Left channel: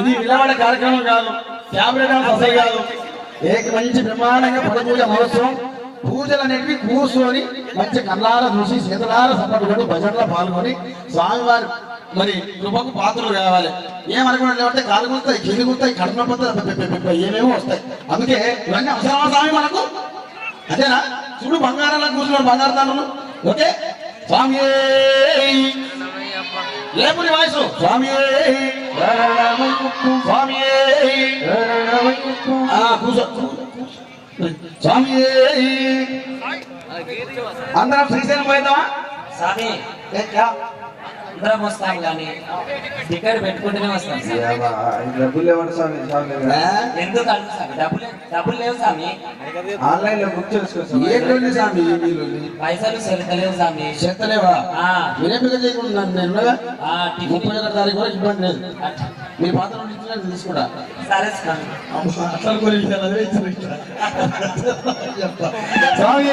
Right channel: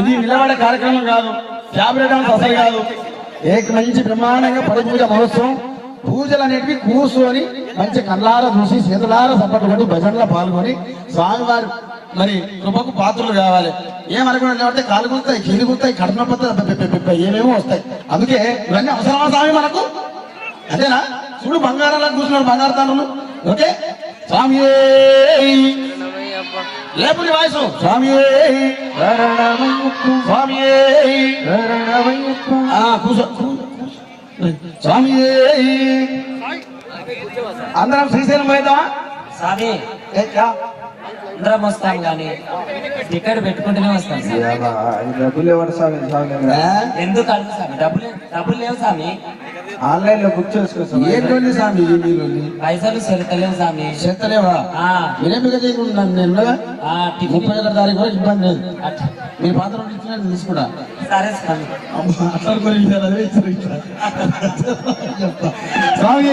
ఇది విలువల కార్యక్రమం కాదు, ఫ్యాబ్రికల్ అసలు కాదు. మంచి బ్రహ్మాండంగా పద పూజ మహోత్సవం. పూజలు అనేవి కూర్చొని మంచి కళ్ళారా చూసి చేతులారా సపట్టుకొని భజనలో పాల్గొని స్వామివారి మరి కృపకు పాత్రలు కావాలి. ఏమనుకున్నా లేకపోతే కాలు గుర్తాయి, చెల్లి గుర్తాయి, కడుపు పోతాయి, ఏమేమో వస్తాయి. అందుకే ఇవన్నీ అవసరమా స్వామి మనకు? అదేనా? చూడు బంగారాలా కూర్చున్నాడు, బంగారు తాను. ఓకే స్వామి లేపుని వాయిస్ స్వామి స్వామి కూర్చో స్వామి. అందరం శ్రీశైలం పోయిద్దామా స్వామి? అందరం వస్తాం కానీ టికెట్ పెట్టుకుంటూనే వస్తాం. డబ్బులు ఎవరు స్వామి? ఎందుకు అడుగు డబ్బులు లేవు స్వామి. ఆన్లైన్ లో బుక్ చేసుకోవచ్చు. ఏంటండి స్వామి మీరు పైసలు చెల్తలేవు స్వామి. చెత్తలేవా? ఎనిమిది నేను 31 తారీఖు వరకు ఇబ్బంది లేదు. మీ పాత్ర తీసుకురా. సరే స్వామి. స్వామి